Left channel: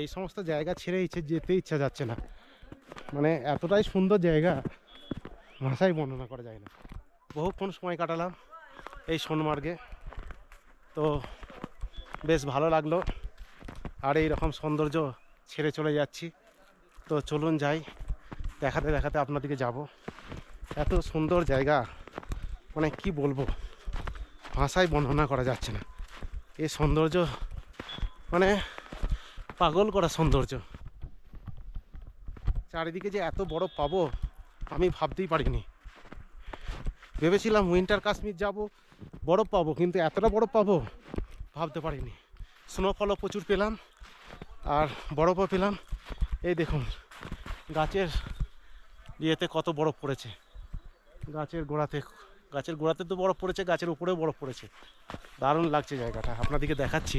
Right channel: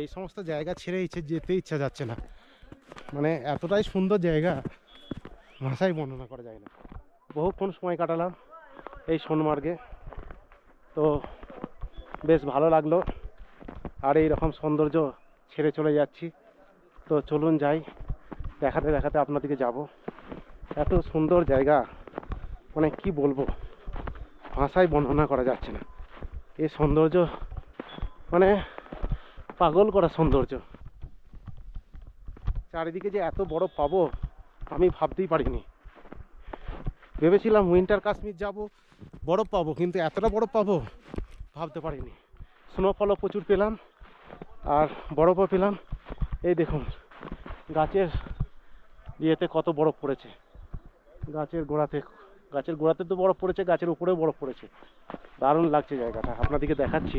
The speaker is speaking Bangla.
এই সমস্ত জায়গা ছেড়ে যেতে ইচ্ছা যাচ্ছে না, মানে এতটাই সুন্দর জায়গা ভাষায় বর্ণনা করা যায় না। বহুক্ষণ সময় কাটালাম এই সোনমার্গে, তো বেশ ভালো লাগলো। আর এই রকম সৌন্দর্য ছেড়ে চলে যাচ্ছি, তো চলুন যাই, দেখাতে দেখাতে আপনাদেরকে যাব। এত সুন্দর জায়গা, মানে কি বলবো, ভাষায় বর্ণনা করা যাচ্ছে না। এই সৌন্দর্য মানে পাগল করা সৌন্দর্য। চারিদিকে যে এত বড় পাবো আমি ভাবতেই পারিনি। ভেবেছিলাম উইন্টার কাশ্মীর যাব, বরফ পাবো, কিন্তু এতটা বরফ পাবো ভাবতে পারিনি। স্নোফলও প্রচুর পেলাম আর বরফও পেলাম। এই দেখুন গাছের ইয়েতে কত বরফ পড়েছে, গাছের গোড়াতে তো বরফ পড়েছে, গাছের উপরেও বরফ পড়েছে। দারুণ লাগছে জায়গাটা, আপনাদেরকে দেখাচ্ছি